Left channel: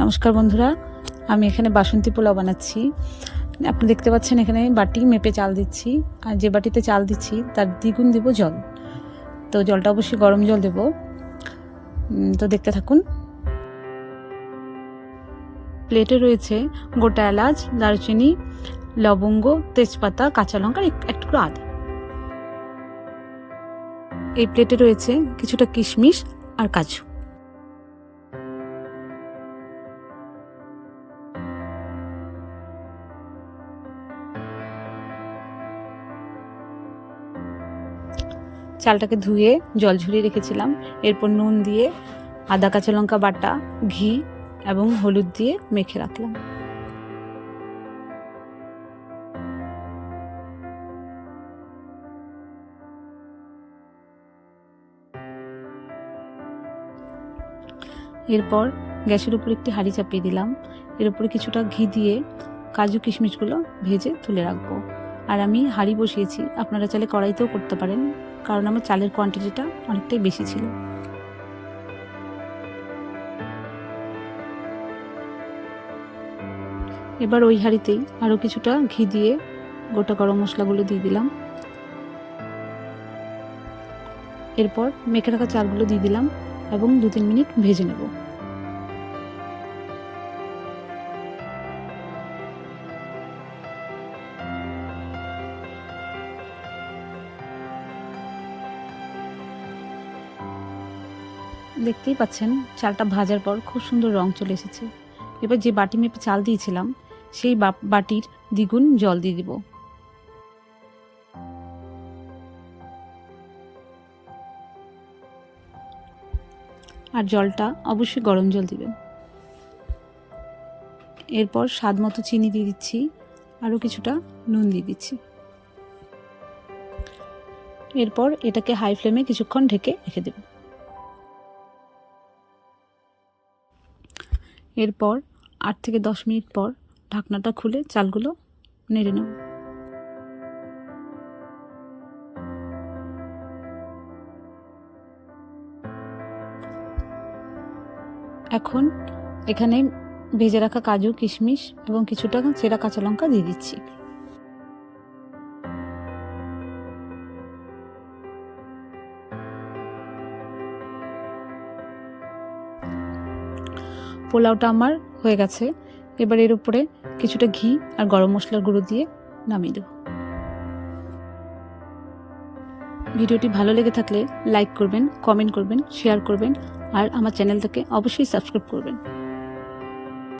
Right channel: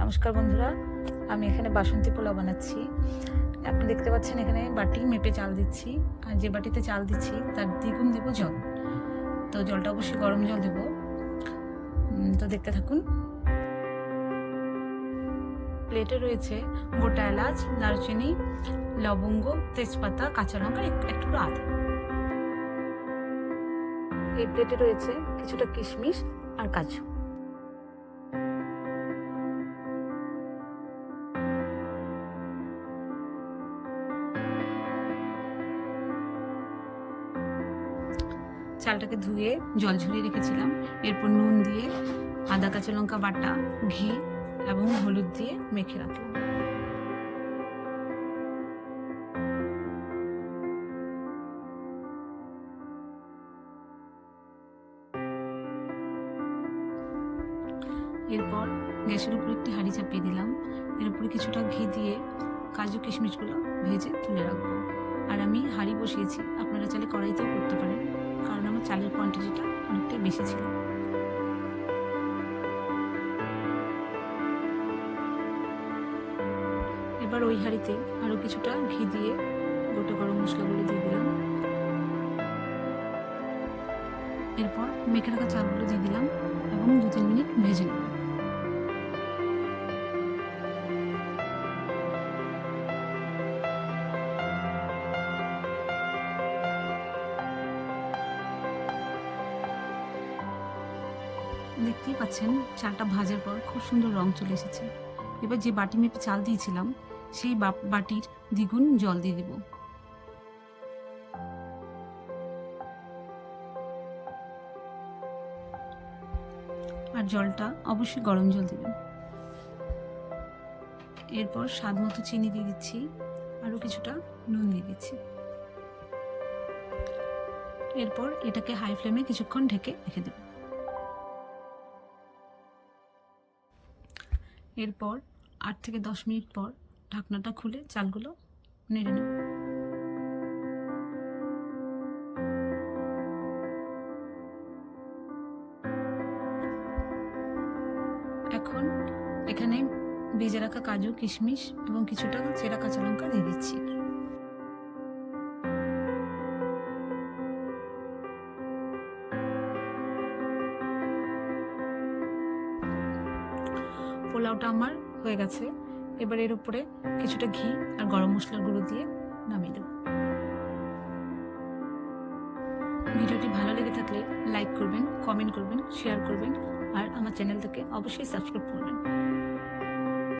নমস্কার বন্ধুরা, আমি এখানে বাসন্তী পোলাও বানাচ্ছি। আপনি দেখতে পাচ্ছেন এখানে বাটি মেপে চাল দিচ্ছি, আর যে বাটিতে চাল দিচ্ছি তার দ্বিগুণ দেব জল। তো জলটা অবশ্যই গরম জল দেব। তো দেখতে থাকুন। প্লেটে রয়েছে গোটা এলাচ, দারচিনি, লবঙ্গ, তেজপাতা, কাঁচা লঙ্কা, এক টুকরো আদা। এই প্লেটে রয়েছে কিছুটা কিশমিশ আর কাজু। চালটাকে ধুয়ে জল ঝরিয়ে রেখেছিলাম। এরপর নুন দিয়ে, আদা কাঁচা লঙ্কা বাটা, ঘি এবং হলুদ দিয়ে মেখে রাখলাম। এরপর গ্যাসের উপর একটি হাঁড়ি চাপিয়ে দিলাম। এর উপরে কিছুটা ঘি দিয়ে কাজু কিশমিশগুলো ভেজে তুলে রাখবো। আর আমি হাঁড়ি বসিয়েছি, আপনারা চাইলে কড়াইতেও করতে পারেন, কারণ আমার চালের কোয়ান্টিটিটা অনেকটাই বেশি ছিল। এবার ওই হাঁড়িতেই আরও কিছুটা ঘি দিয়ে গোটা গরম মশলাগুলো দিয়ে দিলাম। এরপর মেখে রাখা চালগুলো দিয়ে দিলাম এবং 2-3 মিনিট ভেজে নেব। দেখতেই পাচ্ছেন চালটা ভাজার পর খুব সুন্দর রং চলে এসেছে। এবার যে বাটি মেপে চাল দিয়েছিলাম সেই বাটির দ্বিগুণ জল দিয়ে দিব। আর জলটা অবশ্যই গরম জল দিবেন। এরপর স্বাদ মতো চিনি দিয়ে দিচ্ছি, আরও কিছুটা নুন দিয়ে দিচ্ছি। এরপর এটাকে হাই ফ্লেমে কিছুক্ষণ ঢেকে রেখে দেব। এরপর 8 থেকে 10 মিনিট পর ঢাকনাটা খুলে চালগুলো নেড়ে নেব। এখন এখানে ভেজে রাখা কাজু কিশমিশ এবং কিছুটা চেরা কাঁচা লঙ্কা দিয়ে দিচ্ছি। পোলাওটা আমার হয়ে গেছে। এবার এর উপরে কিছুটা ঘি আর গরম মশলার গুঁড়ো দিয়ে নামিয়ে দেব। ভিডিওটি ভালো লেগে থাকলে লাইক করবেন, কমেন্ট করবেন, শেয়ার করবেন আর আমার চ্যানেলটাকে অবশ্যই সাবস্ক্রাইব করবেন।